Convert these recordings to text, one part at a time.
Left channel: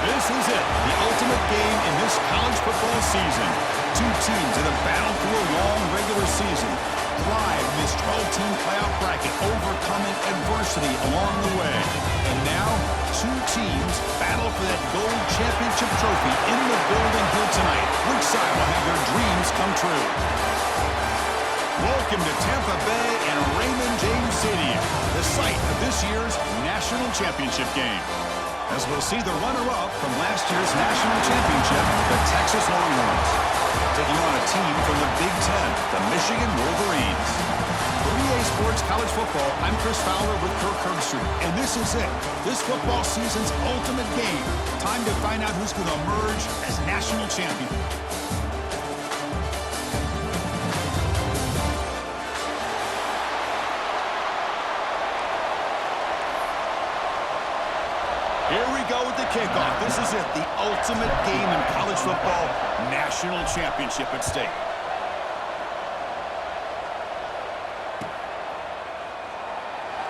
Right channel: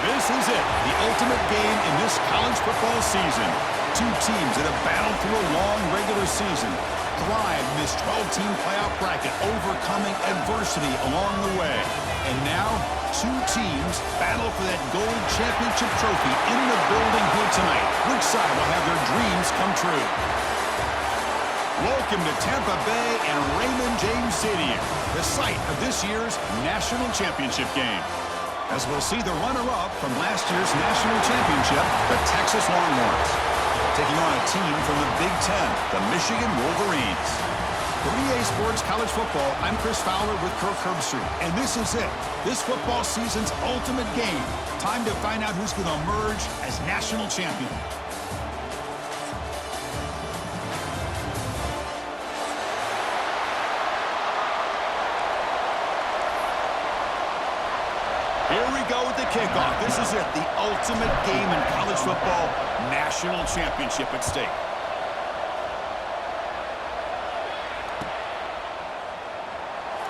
This is it, the ultimate game in this college football season. Two teams that have battled through a long regular season, thrive in this 12-team playoff bracket, overcoming adversity along the way. And now, two teams battle for that gold championship trophy in the building here tonight. Which side will have their dreams come true? Welcome to Tampa Bay and Raymond James Stadium, the site of this year's national championship game. As we'll see the runner-up from last year's national championship, the Texas Longhorns, taking on a team from the Big Ten, the Michigan Wolverines. For EA Sports College Football, I'm Chris Fowler with Kirk Herbstreit, and this is it, this football season's ultimate game. Time to find out who's going to emerge as national champion. Here we go with the kickoff. This is it, the ultimate game in college football, national championship at stake.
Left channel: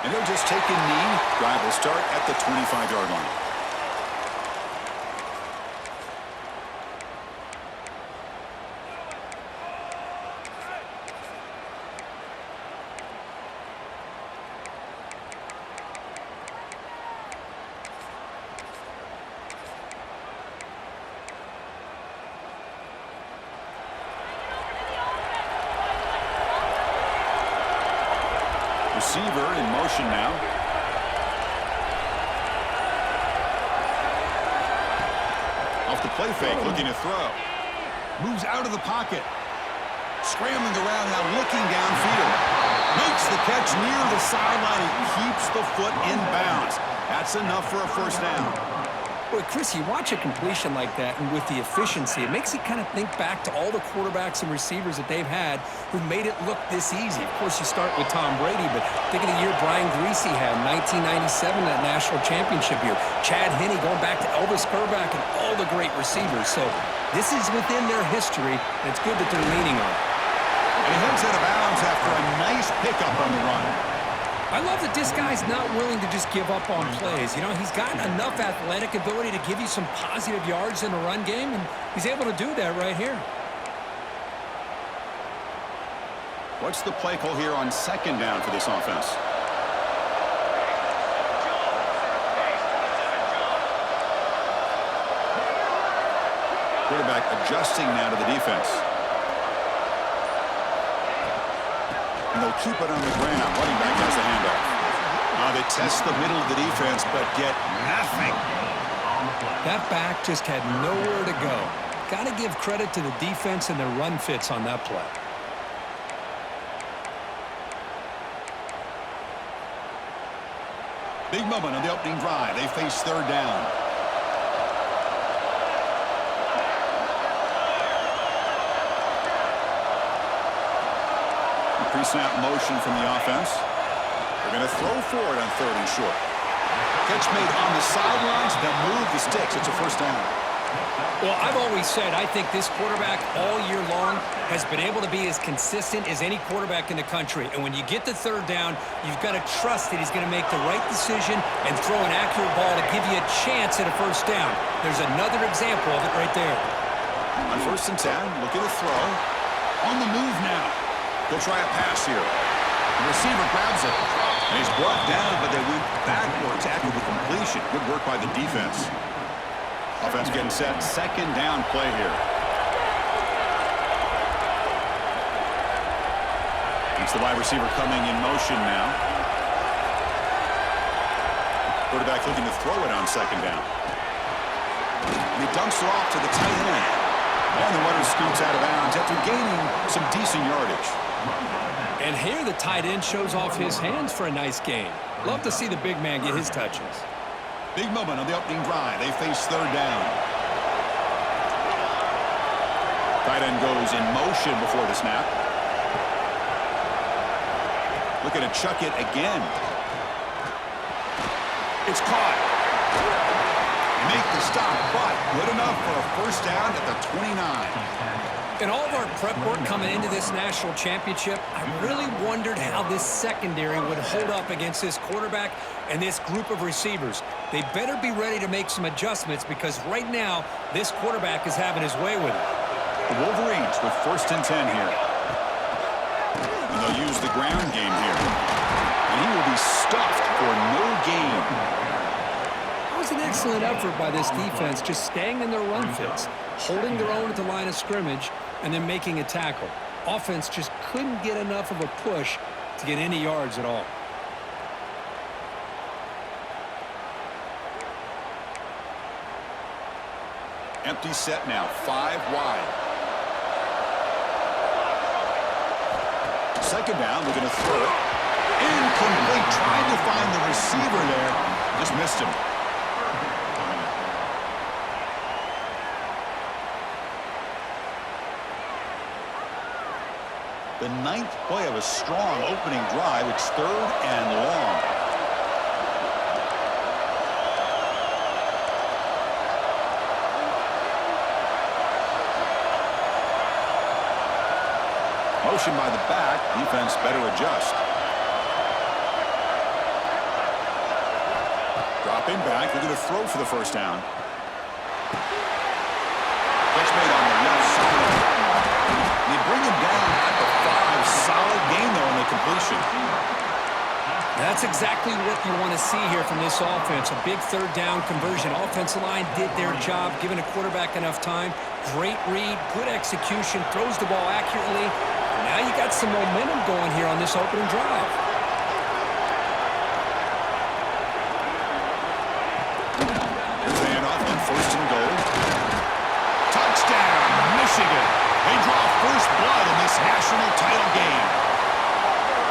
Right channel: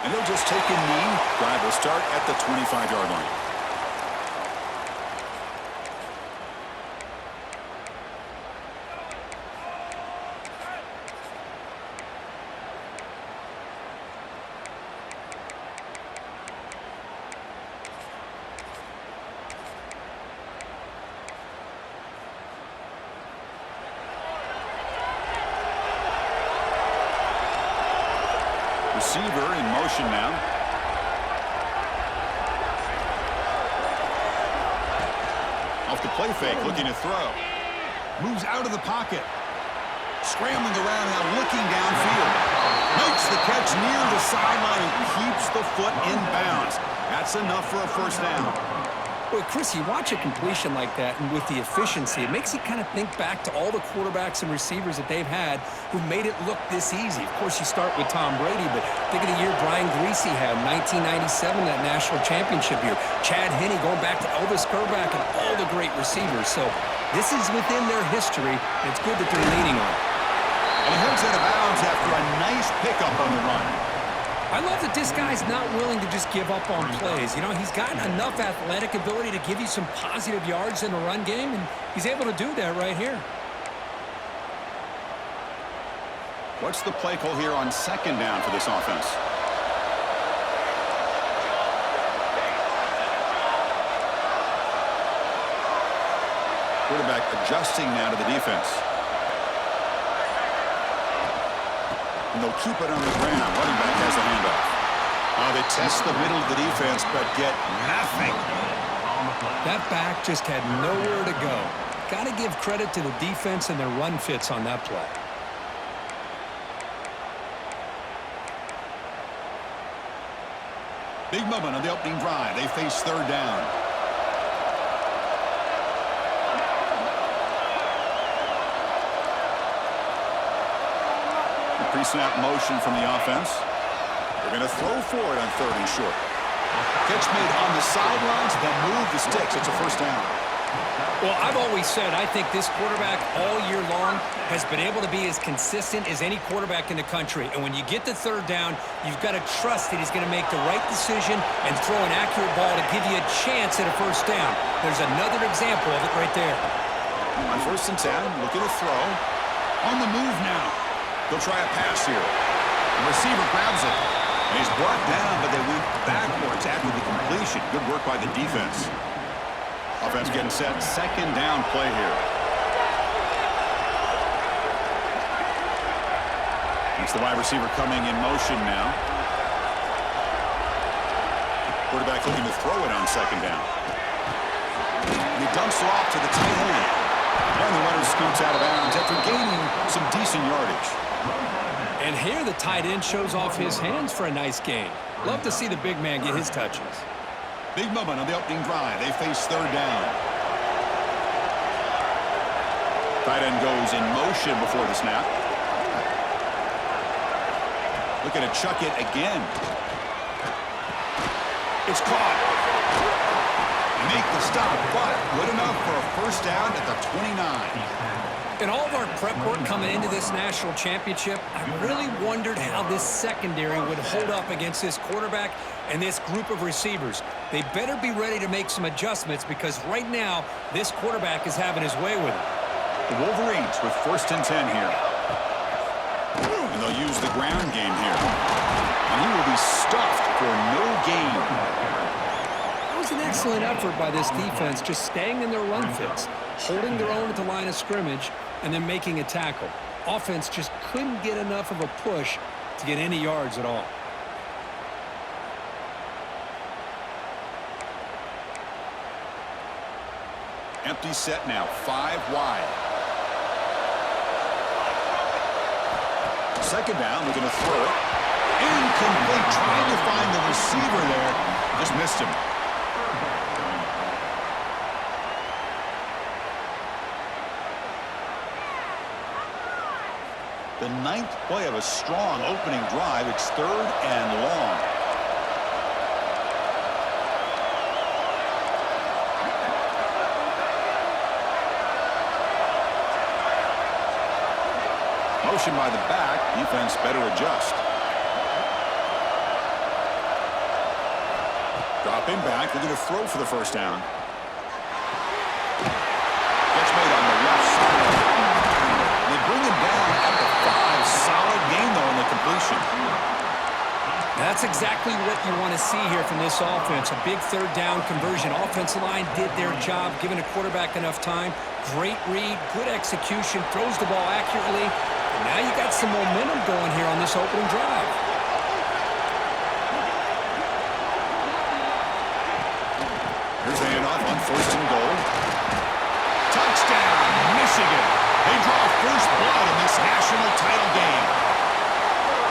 And he'll just take a knee. Drive will start at the 25-yard line. Receiver in motion now. Off the play fake, looking to throw. Moves out of the pocket. Scrambling around now, looking downfield. Makes the catch near the sideline and keeps the foot in bounds. That's enough for a first down. Boy, Chris, you watch a completion like that, and with the efficiency, it makes you kind of think back to all the quarterbacks and receivers that they've had who made it look this easy. Of course, you start with Tom Brady, but think of the year Brian Griese had, 1997, that national championship year. Chad Henne going back to Elvis Grbac and all the great receivers. So this is within their history, and it's good that they're leaning on it. And he heads out of bounds after a nice pickup on the run. I love that this guy's not willing to just give up on plays. You know, he's got enough athletic ability to give you some positive yards in the run game, and he's able to do that right here. What's the play call here on second down for this offense? Quarterback adjusting now to the defense. And they'll keep it on the ground. Running back has the handoff. They test the middle of the defense, but get nothing. That back just had nowhere to go. Got to give credit to the defense and their run fits on that play. Big moment on the opening drive. They face third down. Pre-snap motion from the offense. They're going to throw for it on third and short. Catch made on the sidelines. They'll move the sticks. It's a first down. Well, I've always said I think this quarterback all year long has been able to be as consistent as any quarterback in the country. And when you get the third down, you've got to trust that he's going to make the right decision and throw an accurate ball to give you a chance at a first down. There's another example of it right there. On 1st and 10, look at the throw. On the move now. They'll try a pass here. The receiver grabs it. And he's brought down, but they went backwards after the completion. Good work by the defense. Offense getting set. Second down play here. It's the wide receiver coming in motion now. Quarterback looking to throw it on second down. And he dumps it off to the tight end. And the runner scoots out of bounds after gaining some decent yardage. And here the tight end shows off his hands for a nice gain. Love to see the big man get his touches. Big moment on the opening drive. They face third down. Tight end goes in motion before the snap. Looking to chuck it again. It's caught. They make the stop, but good enough for a first down at the 29. In all of our prep work coming into this national championship, I really wondered how this secondary would hold up against this quarterback and this group of receivers. They better be ready to make some adjustments because right now, this quarterback is having his way with it. The Wolverines with 1st and 10 here. And they'll use the ground game here. And he will be stuffed for no gain. That was an excellent effort by this defense, just staying in their run fits, holding their own at the line of scrimmage, and then making a tackle. Offense just couldn't get enough of a push to get any yards at all. Empty set now, 5 wide. 2nd down, we're going to throw it. Incomplete, trying to find the receiver there. Just missed him. The 9th play of a strong opening drive. It's 3rd and long. Motion by the back. Defense better adjust. Drop in back. They're going to throw for the 1st down. Catch made on the left side. They bring him down at the 5. Solid gain, though, in the completion. That's exactly what you want to see here from this offense. A big 3rd down conversion. Offensive line did their job, giving a quarterback enough time. Great read, good execution, throws the ball accurately. And now you got some momentum going here on this opening drive. Here's the handoff on 1st and goal. Touchdown, Michigan. They draw first blood in this national title game.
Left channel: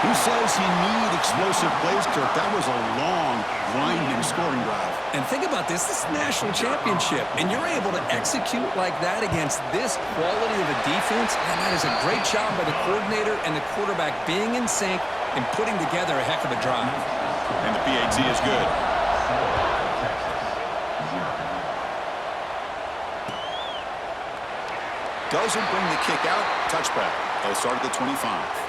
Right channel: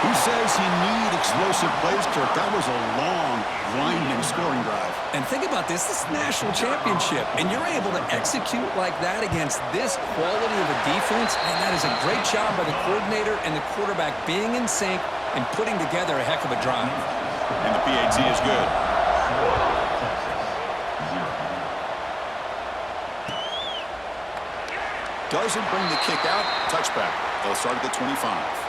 Who says you need explosive plays, Kirk? That was a long, grinding scoring drive. And think about this. This is national championship, and you're able to execute like that against this quality of a defense, and that is a great job by the coordinator and the quarterback being in sync and putting together a heck of a drive. And the PAT is good. Doesn't bring the kick out. Touchback. They'll start at the 25.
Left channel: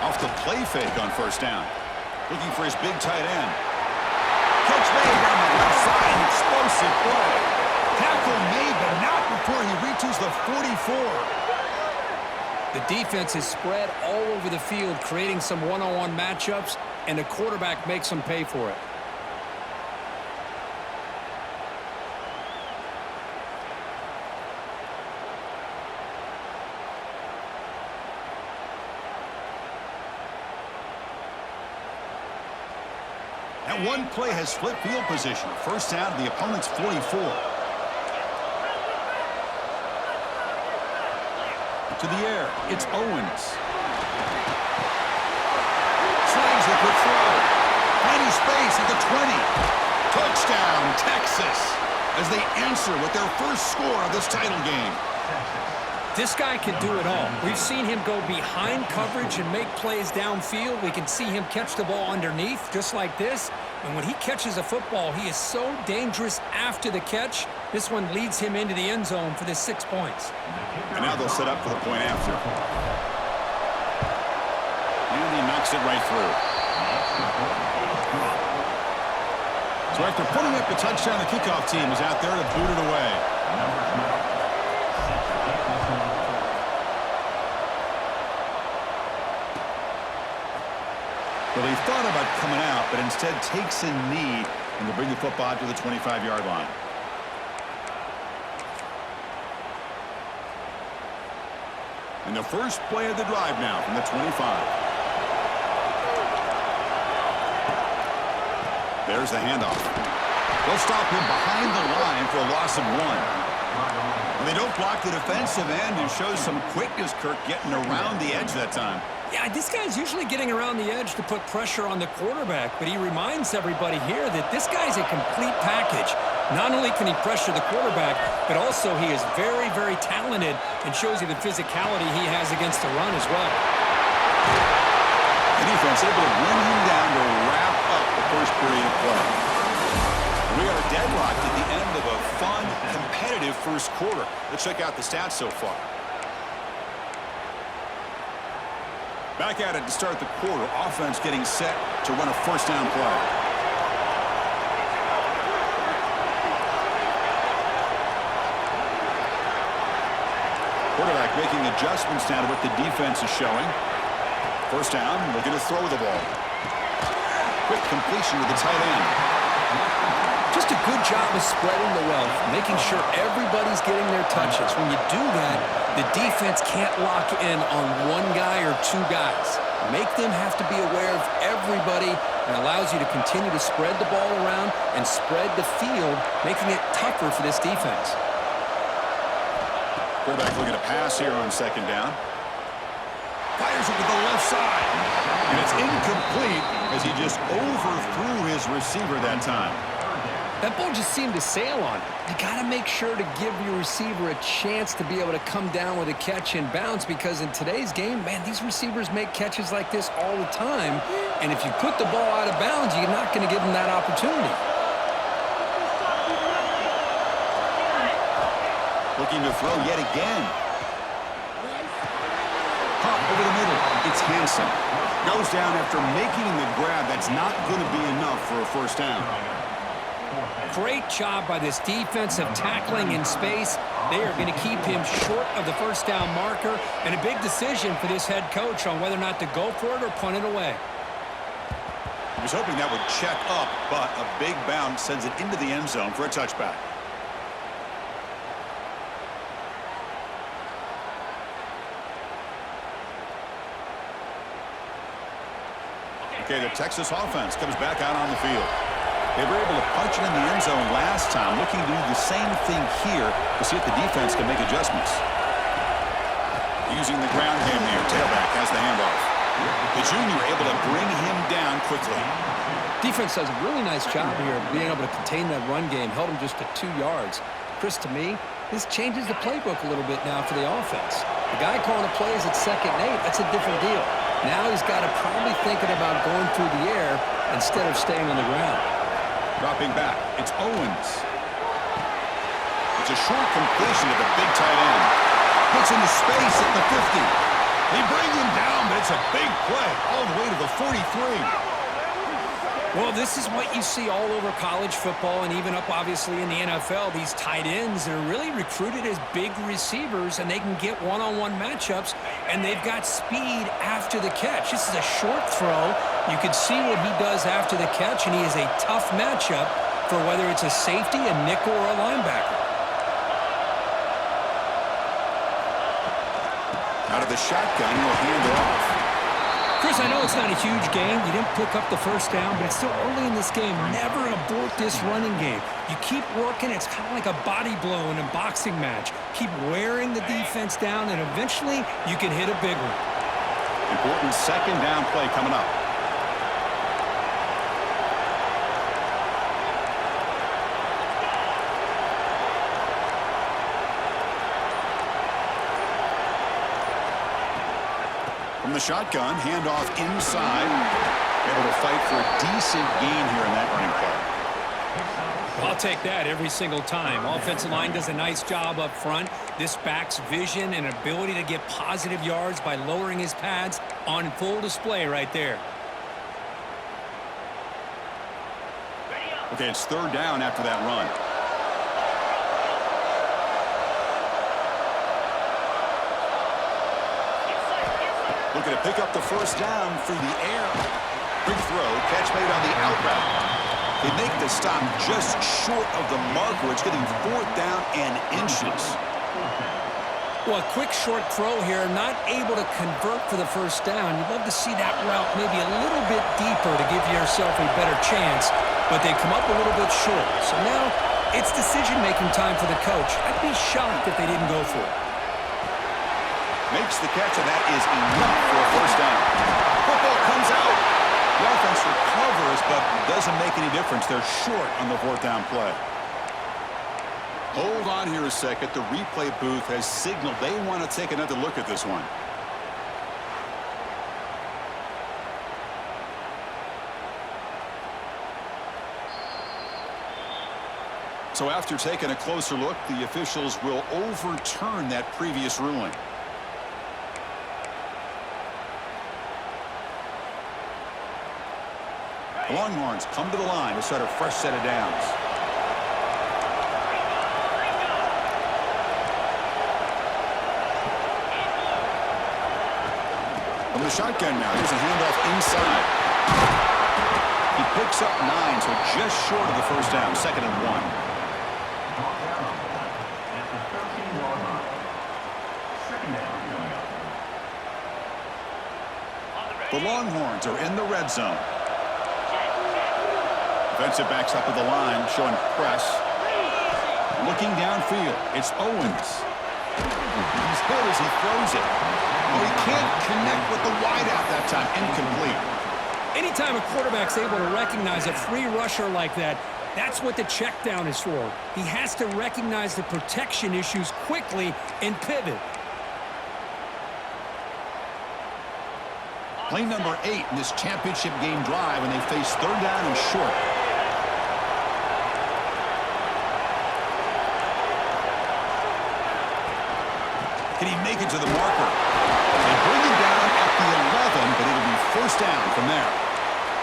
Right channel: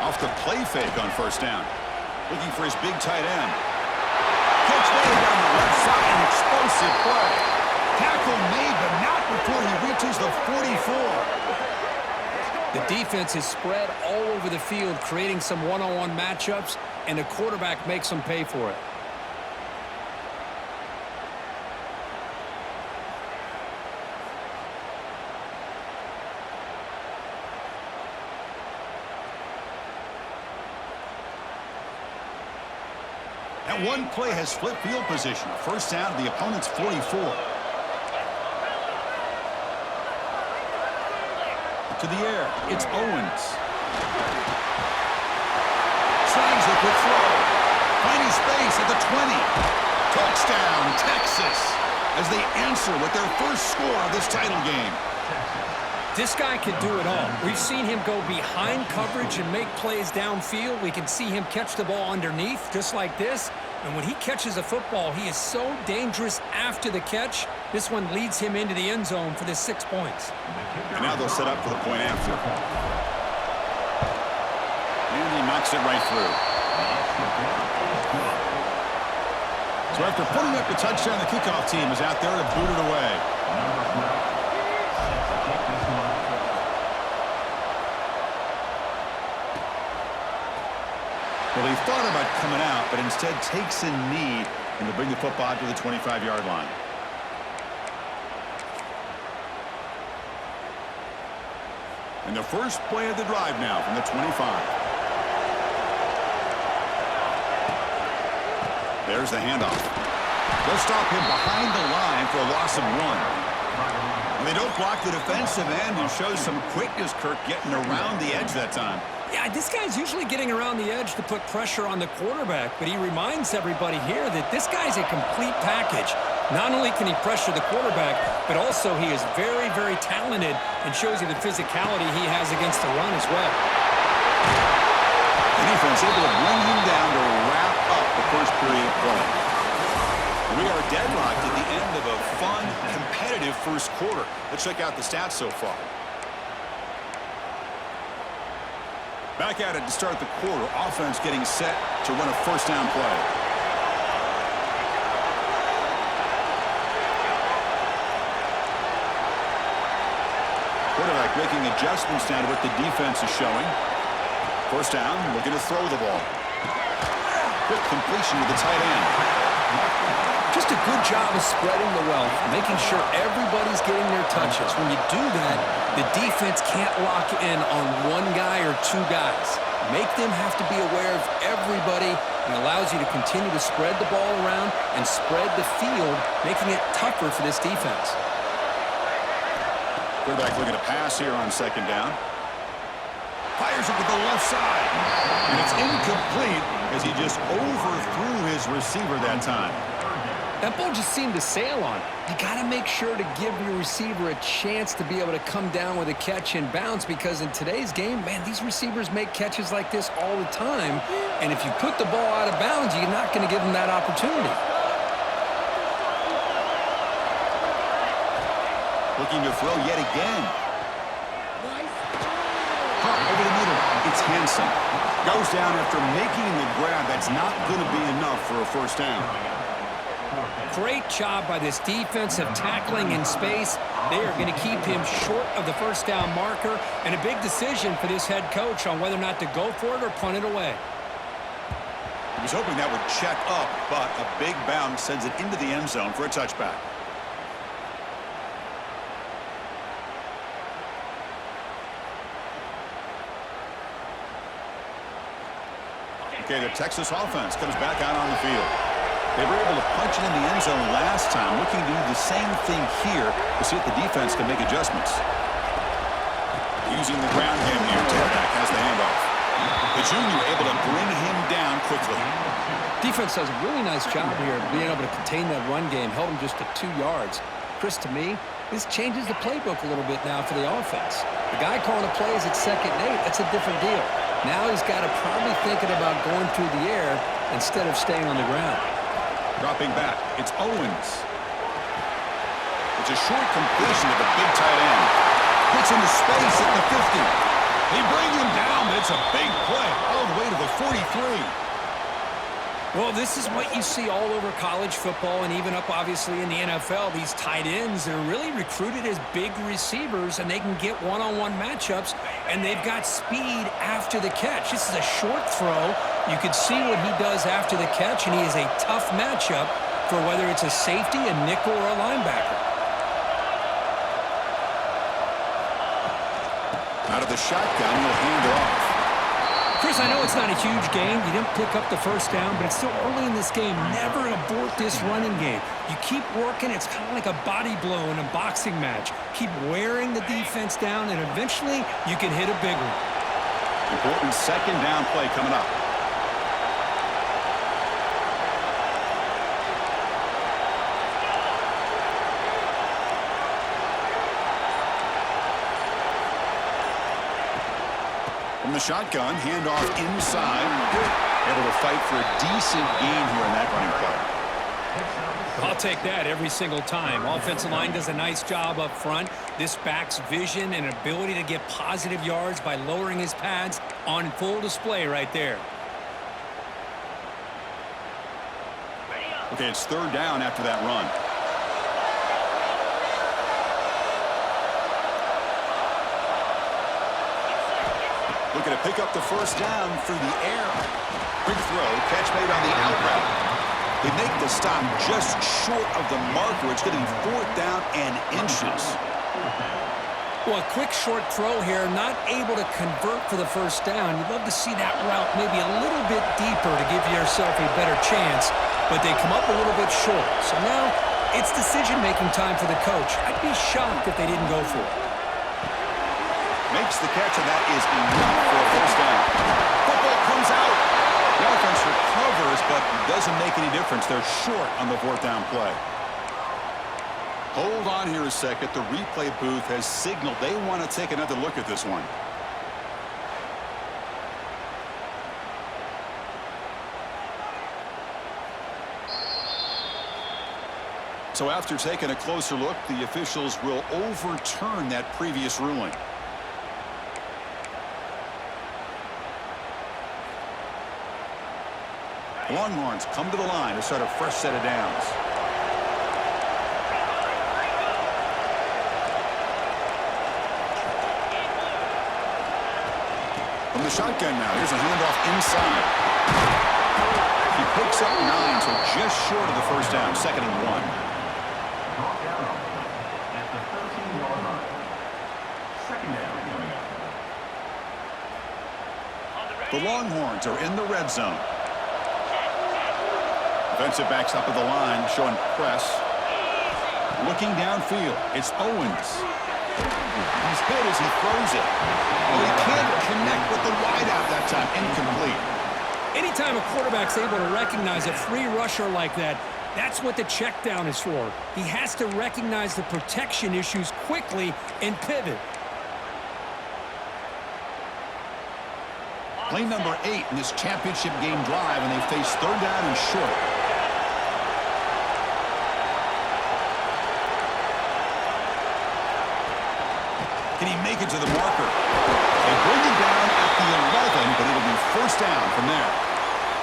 Off the play fake on 1st down. Looking for his big tight end. Catch made down the left side. An explosive play. Tackle made, but not before he reaches the 44. The defense is spread all over the field, creating some one-on-one matchups, and the quarterback makes them pay for it. That one play has split field position. A 1st down to the opponent's 44. To the air, it's Owens. Slides the quick throw. Finding space at the 20. Touchdown, Texas, as they answer with their first score of this title game. This guy can do it all. We've seen him go behind coverage and make plays downfield. We can see him catch the ball underneath, just like this. And when he catches a football, he is so dangerous after the catch. This one leads him into the end zone for the 6 points. And now they'll set up for the point after. And he knocks it right through. So after putting up the touchdown, the kickoff team is out there to boot it away. Well, he thought about coming out, but instead takes a knee and to bring the football to the 25-yard line. And the first play of the drive now from the 25. There's the handoff. They'll stop him behind the line for a loss of 1. Well, they don't block the defensive end and shows some quickness, Kirk, getting around the edge that time. Yeah, this guy's usually getting around the edge to put pressure on the quarterback, but he reminds everybody here that this guy's a complete package. Not only can he pressure the quarterback, but also he is very, very talented and shows you the physicality he has against the run as well. The defense able to bring him down to wrap up the first period of play. We are deadlocked at the end of a fun, competitive first quarter. Let's check out the stats so far. Back at it to start the quarter. Offense getting set to run a first down play. Quarterback making adjustments now to what the defense is showing. First down, looking to throw the ball. Quick completion to the tight end. Just a good job of spreading the wealth, making sure everybody's getting their touches. When you do that, the defense can't lock in on one guy or two guys. Make them have to be aware of everybody, and allows you to continue to spread the ball around and spread the field, making it tougher for this defense. Quarterback looking to pass here on second down. Fires it to the left side. And it's incomplete as he just overthrew his receiver that time. That ball just seemed to sail on it. You got to make sure to give your receiver a chance to be able to come down with a catch and bounce, because in today's game, man, these receivers make catches like this all the time. And if you put the ball out of bounds, you're not going to give them that opportunity. Looking to throw yet again. Pump over the middle. It's Hansen. Goes down after making the grab. That's not going to be enough for a first down. Great job by this defensive tackling in space. They are going to keep him short of the first down marker, and a big decision for this head coach on whether or not to go for it or punt it away. He was hoping that would check up, but a big bounce sends it into the end zone for a touchback. Okay, the Texas offense comes back out on the field. They were able to punch it in the end zone last time, looking to do the same thing here to see if the defense can make adjustments. Using the ground game here, tailback has the handoff. The junior able to bring him down quickly. Defense does a really nice job here of being able to contain that run game, held him just to 2 yards. Chris, to me, this changes the playbook a little bit now for the offense. The guy calling the plays at 2nd and 8, that's a different deal. Now he's got to probably thinking about going through the air instead of staying on the ground. Dropping back, it's Owens. It's a short completion to the big tight end. Gets into space at the 50. They bring him down, but it's a big play all the way to the 43. Well, this is what you see all over college football and even up, obviously, in the NFL. These tight ends are really recruited as big receivers, and they can get one-on-one matchups, and they've got speed after the catch. This is a short throw. You can see what he does after the catch, and he is a tough matchup for whether it's a safety, a nickel, or a linebacker. Out of the shotgun, he'll hand it off. Chris, I know it's not a huge game. You didn't pick up the first down, but it's still early in this game. Never abort this running game. You keep working. It's kind of like a body blow in a boxing match. Keep wearing the defense down, and eventually you can hit a big one. Important second down play coming up. From the shotgun, handoff inside. Able to fight for a decent gain here in that running play. I'll take that every single time. Offensive line does a nice job up front. This back's vision and ability to get positive yards by lowering his pads on full display right there. Okay, it's 3rd down after that run. Looking to pick up the first down through the air. Big throw, catch made on the out route. They make the stop just short of the marker. It's going to be 4th down and inches. Well, a quick short throw here, not able to convert for the first down. You'd love to see that route maybe a little bit deeper to give yourself a better chance, but they come up a little bit short. So now It's decision-making time for the coach. I'd be shocked if they didn't go for it. Makes the catch, and that is enough for a first down. Football comes out. The offense recovers, but doesn't make any difference. They're short on the fourth down play. Hold on here a second. The replay booth has signaled they want to take another look at this one. So after taking a closer look, the officials will overturn that previous ruling. The Longhorns come to the line to start a fresh set of downs. From the shotgun now, here's a handoff inside. He picks up 9, so just short of the first down, 2nd and 1. At the 13-yard line. 2nd down coming up. The Longhorns are in the red zone. Defensive backs up at the line, showing press. Looking downfield, it's Owens. He's hit as he throws it. Oh, he can't connect with the wideout that time. Incomplete. Anytime a quarterback's able to recognize a free rusher like that, that's what the check down is for. He has to recognize the protection issues quickly and pivot. Play number 8 in this championship game drive, and they face 3rd down and short. Can he make it to the marker? They bring him down at the 11, but it'll be 1st down from there.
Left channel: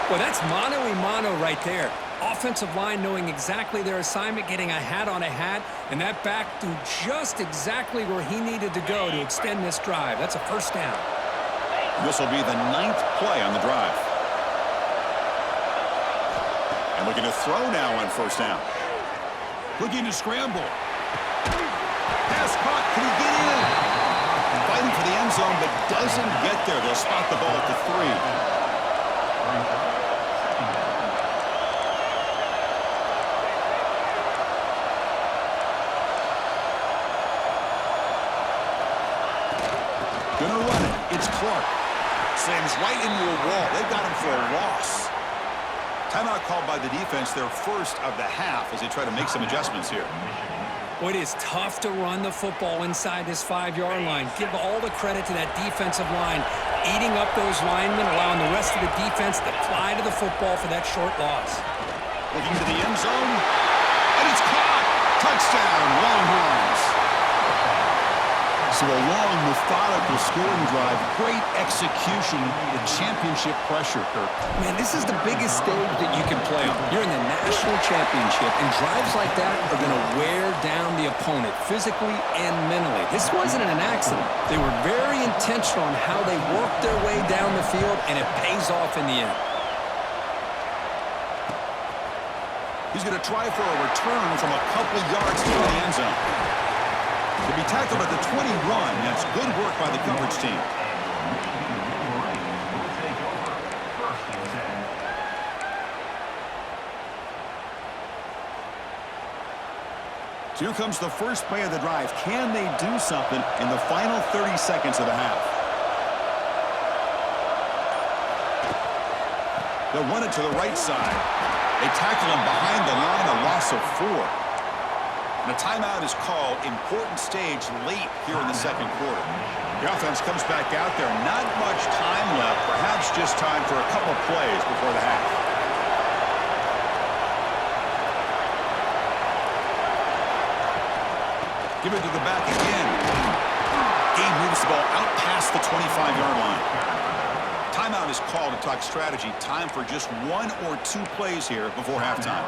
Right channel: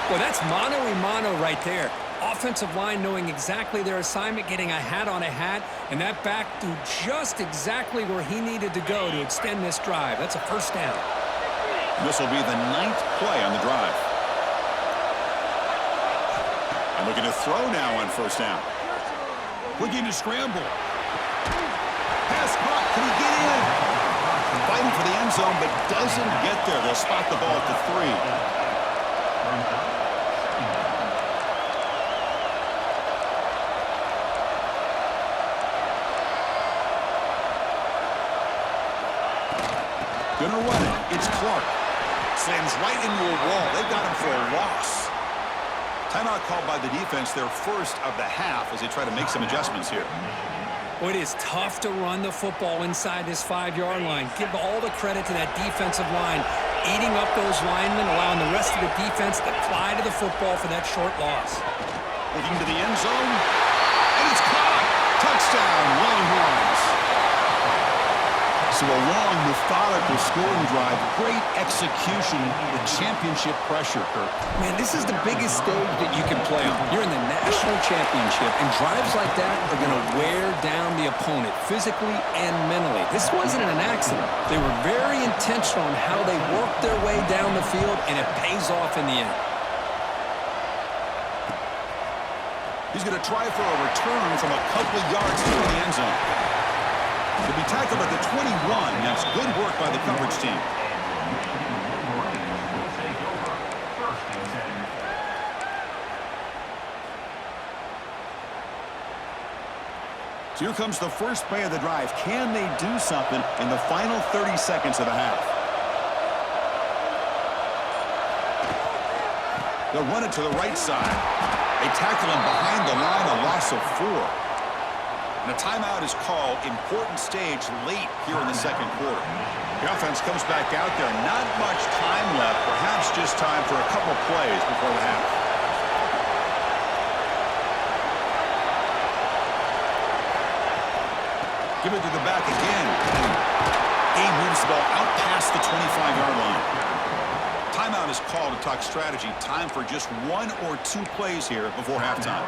Well, that's mano-a-mano right there. Offensive line knowing exactly their assignment, getting a hat on a hat, and that back threw just exactly where he needed to go to extend this drive. That's a 1st down. This will be the 9th play on the drive. And looking to throw now on 1st down. Looking to scramble. Pass caught. Can he get in? Fighting for the end zone, but doesn't get there. They'll spot the ball at the 3. Gonna run it. It's Clark. Slams right into a wall. They've got him for a loss. Timeout called by the defense, their first of the half, as they try to make some adjustments here. Well, it is tough to run the football inside this 5-yard line. Give all the credit to that defensive line, eating up those linemen, allowing the rest of the defense to fly to the football for that short loss. Looking to the end zone, and it's caught. Touchdown, Longhorns. So a long, methodical scoring drive. Great execution. The championship pressure, Kirk. Man, this is the biggest stage that you can play on. You're in the national championship, and drives like that are going to wear down the opponent physically and mentally. This wasn't an accident. They were very intentional in how they worked their way down the field, and it pays off in the end. He's going to try for a return from a couple of yards to the end zone. To be tackled at the 21, that's good work by the coverage team. So here comes the first play of the drive. Can they do something in the final 30 seconds of the half? They'll run it to the right side. They tackle him behind the line, a loss of 4. And a timeout is called. Important stage late here in the 2nd quarter. The offense comes back out there. Not much time left. Perhaps just time for a couple plays before the half. Give it to the back again. Game moves the ball out past the 25-yard line. Timeout is called to talk strategy. Time for just 1 or 2 plays here before halftime.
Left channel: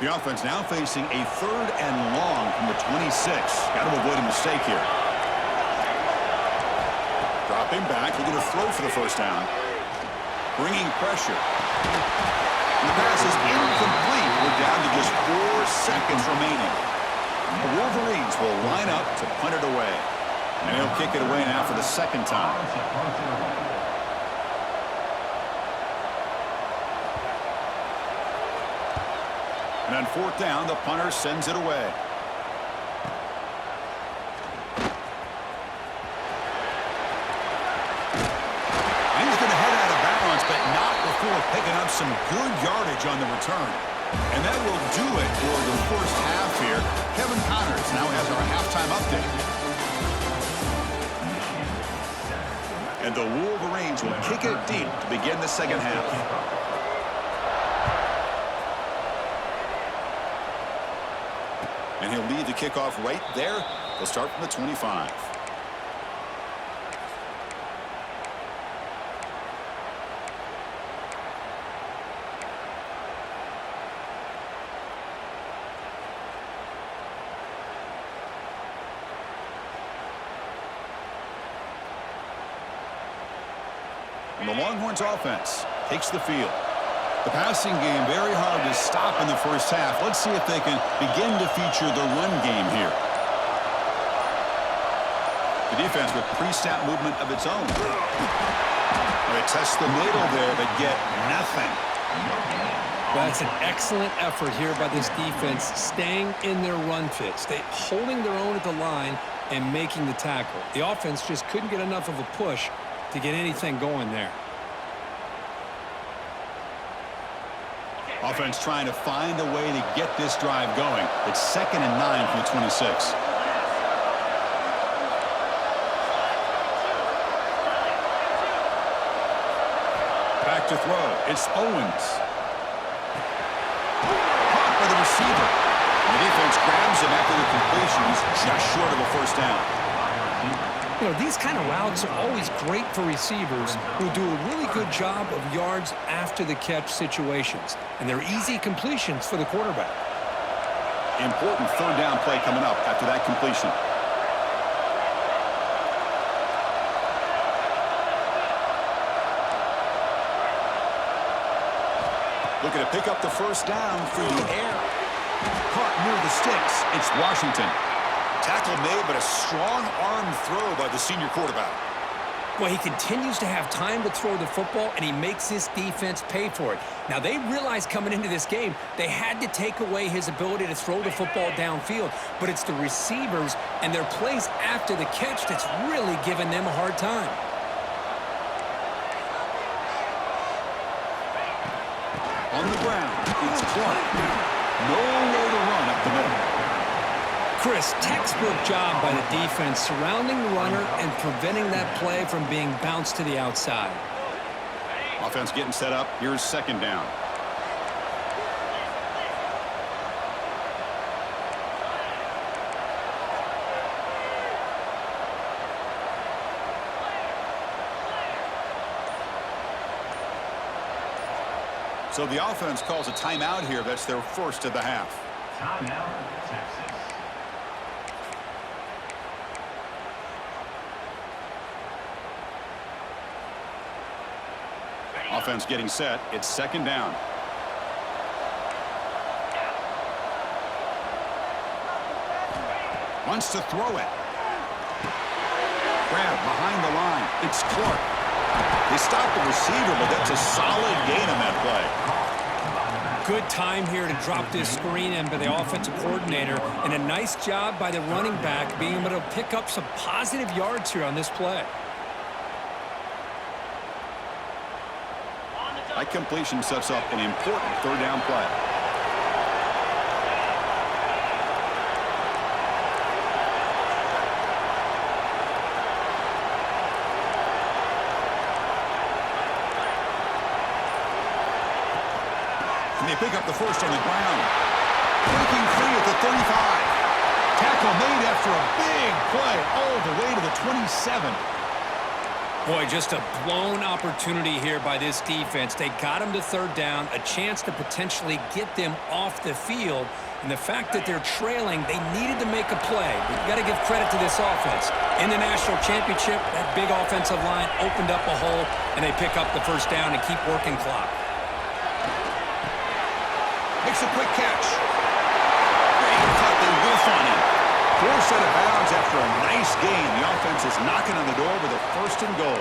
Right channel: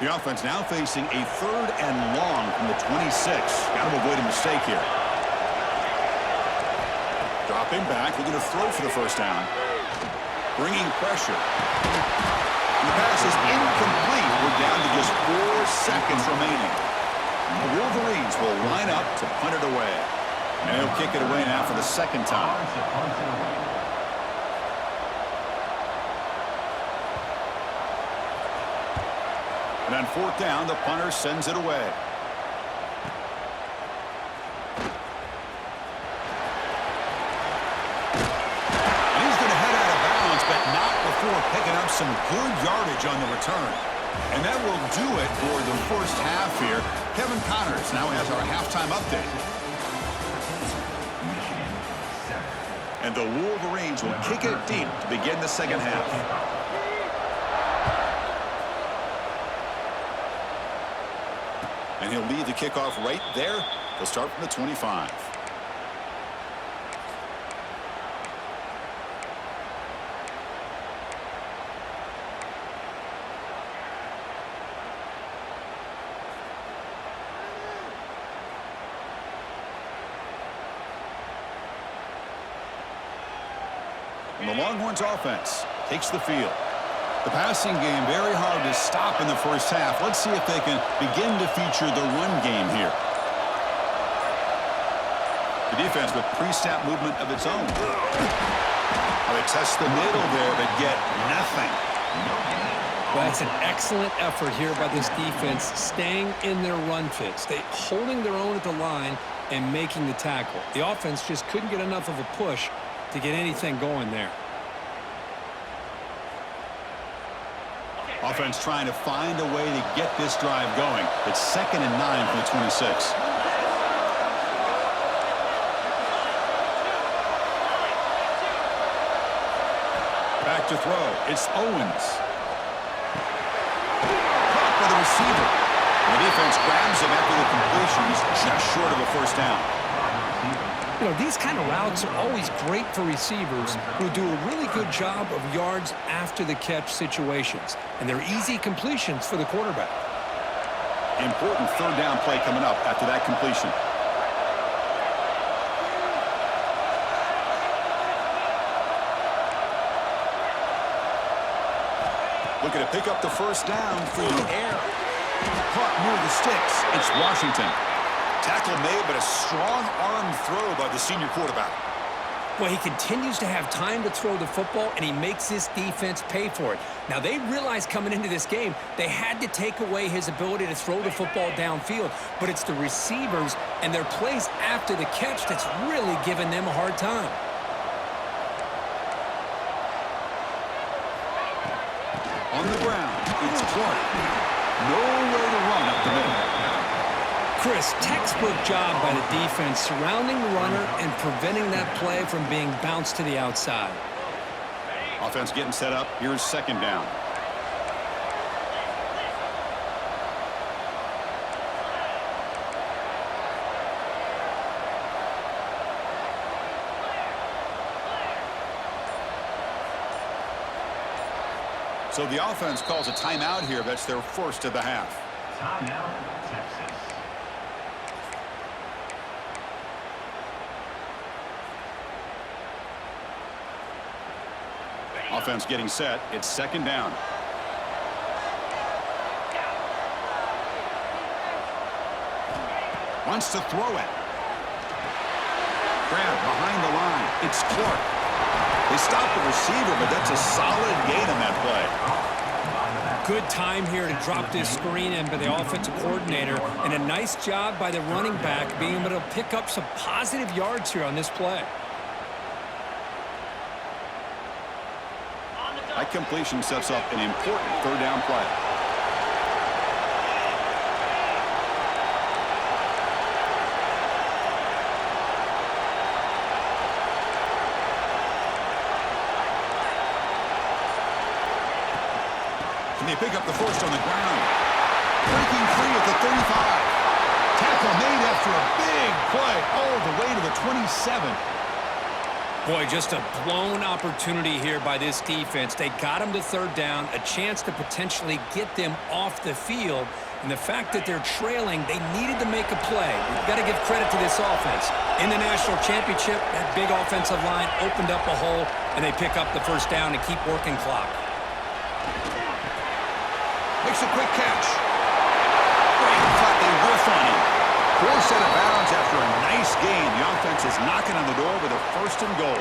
The offense now facing a 3rd and long from the 26. Got to avoid a mistake here. Dropping back, looking to throw for the 1st down. Bringing pressure. And the pass is incomplete. We're down to just 4 seconds remaining. The Wolverines will line up to punt it away. And he'll kick it away now for the 2nd time. And on fourth down, the punter sends it away. And he's going to head out of bounds, but not before picking up some good yardage on the return. And that will do it for the first half here. Kevin Connors now has our halftime update. And the Wolverines will kick it deep to begin the second half. And he'll lead the kickoff right there. They'll start from the 25. And the Longhorns offense takes the field. The passing game very hard to stop in the first half. Let's see if they can begin to feature the run game here. The defense with pre-snap movement of its own. They test the middle there, but get nothing. Well, that's an excellent effort here by this defense, staying in their run fits. They holding their own at the line and making the tackle. The offense just couldn't get enough of a push to get anything going there. Offense trying to find a way to get this drive going. It's 2nd and 9 from the 26. Back to throw. It's Owens. Caught by the receiver. And the defense grabs him after the completion. He's just short of a first down. You know, these kind of routes are always great for receivers who do a really good job of yards after the catch situations. And they're easy completions for the quarterback. Important third down play coming up after that completion. Looking to pick up the first down through the air. Caught near the sticks. It's Washington. Tackle made, but a strong arm throw by the senior quarterback. Well, he continues to have time to throw the football, and he makes this defense pay for it. Now, they realized coming into this game they had to take away his ability to throw the football downfield, but it's the receivers and their plays after the catch that's really giving them a hard time. On the ground, it's Clark. Nowhere to run up the middle. Chris, textbook job by the defense surrounding the runner and preventing that play from being bounced to the outside. Offense getting set up. Here's second down. So the offense calls a timeout here. That's their first of the half. Timeout, Texas. Offense getting set. It's second down. Wants to throw it. Grab behind the line. It's Clark. They stopped the receiver, but that's a solid gain on that play. Good time here to drop this screen in by the offensive coordinator, and a nice job by the running back being able to pick up some positive yards here on this play. That completion sets up an important third down play. And they pick up the first on the ground. Breaking free at the 35. Tackle made after a big play all the way to the 27. Boy, just a blown opportunity here by this defense. They got him to third down, a chance to potentially get them off the field. And the fact that they're trailing, they needed to make a play. We've got to give credit to this offense. In the national championship, that big offensive line opened up a hole, and they pick up the first down and keep working clock. Makes a quick catch. Great cut. They whiff on him. Forced out of bounds after a nice gain. The offense is knocking on the door with a 1st and goal.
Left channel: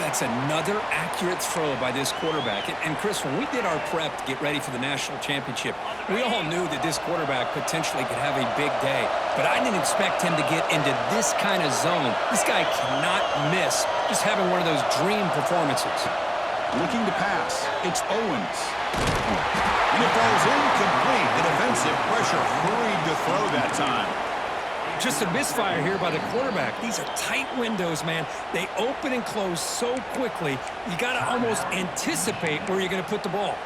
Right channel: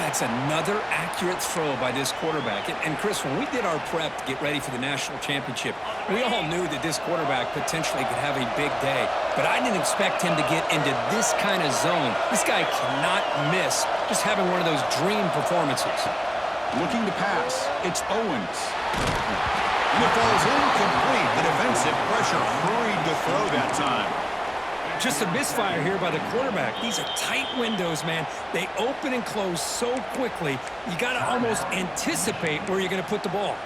That's another accurate throw by this quarterback. And Chris, when we did our prep to get ready for the national championship, we all knew that this quarterback potentially could have a big day. But I didn't expect him to get into this kind of zone. This guy cannot miss just having one of those dream performances. Looking to pass. It's Owens. And it falls incomplete. The defensive pressure hurried to throw that time. Just a misfire here by the quarterback. These are tight windows, man. They open and close so quickly, you got to almost anticipate where you're going to put the ball.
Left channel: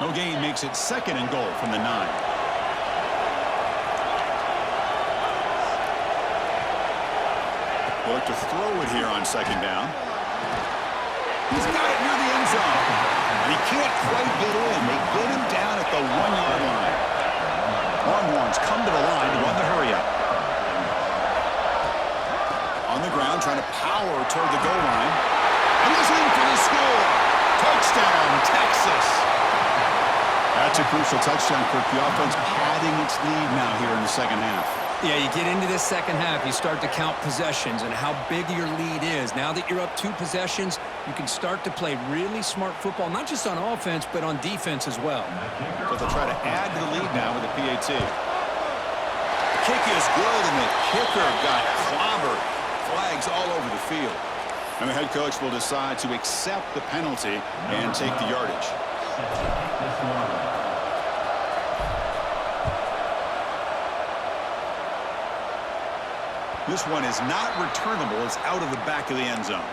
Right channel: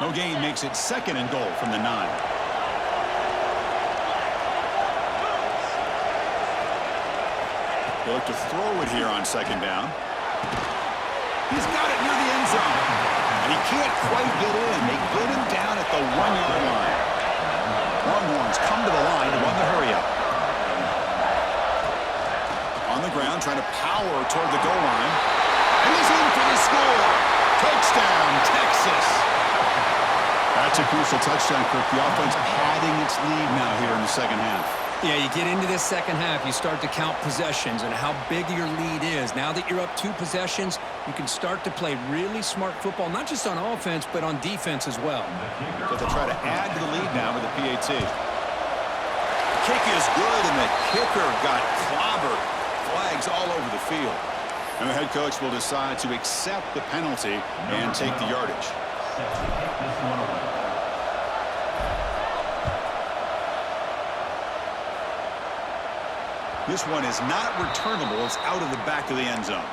No gain makes it 2nd and goal from the 9. They look to throw it here on 2nd down. He's got it near the end zone. And he can't quite get in. They get him down at the 1-yard line. Longhorns come to the line to run the hurry-up. On the ground, trying to power toward the goal line. And he's in for the score. Touchdown, Texas. That's a crucial touchdown, Kirk. The offense padding its lead now here in the 2nd half. Yeah, you get into this 2nd half, you start to count possessions and how big your lead is. Now that you're up 2 possessions, you can start to play really smart football, not just on offense, but on defense as well. So they'll try to add to the lead now with the PAT. The kick is good, and the kicker got clobbered. Flags all over the field. And the head coach will decide to accept the penalty and take the yardage. Set to kick this one away. This one is not returnable. It's out of the back of the end zone.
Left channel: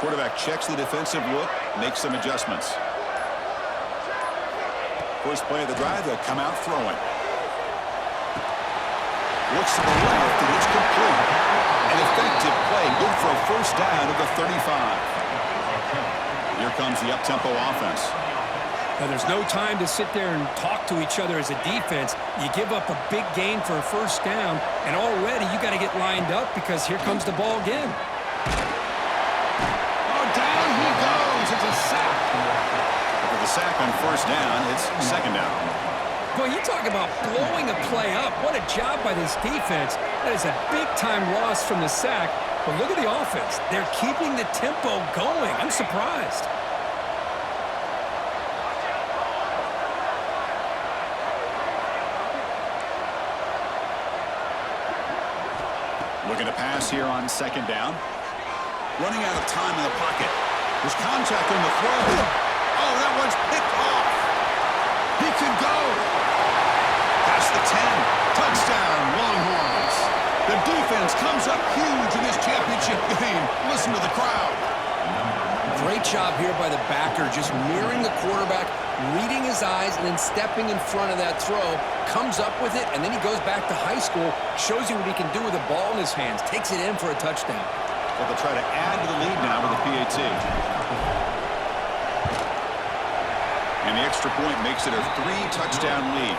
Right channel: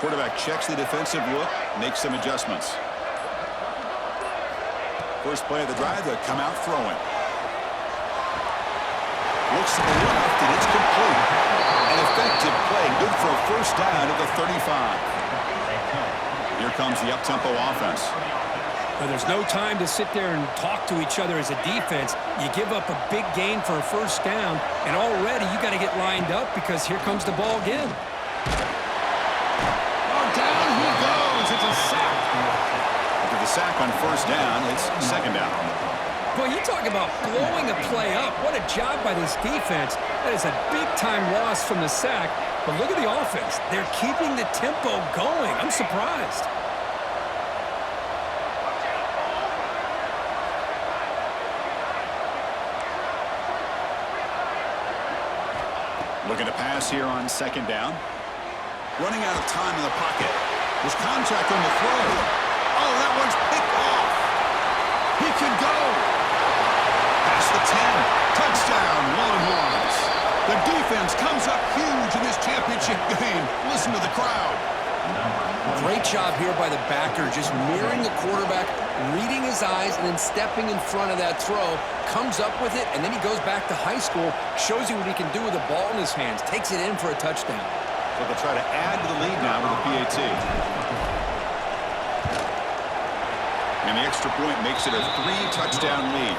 Quarterback checks the defensive look, makes some adjustments. First play of the drive, they'll come out throwing. Looks to the left, and it's complete. An effective play, good for a first down at the 35. Here comes the up-tempo offense. Now, there's no time to sit there and talk to each other as a defense. You give up a big gain for a first down, and already you got to get lined up because here comes the ball again. Oh, down he goes. It's a sack. After the sack on first down, it's 2nd down. Boy, you talk about blowing a play up. What a job by this defense. That is a big-time loss from the sack. But look at the offense. They're keeping the tempo going. I'm surprised. Looking to pass here on 2nd down. Running out of time in the pocket. There's contact on the throw. Oh, that one's picked off. He could go. Past the 10. Touchdown, Longhorns. The defense comes up huge in this championship game. Listen to the crowd. Great job here by the backer, just mirroring the quarterback, reading his eyes, and then stepping in front of that throw. Comes up with it, and then he goes back to high school, shows you what he can do with the ball in his hands, takes it in for a touchdown. So they'll try to add to the lead now with the PAT. And the extra point makes it a 3-touchdown lead.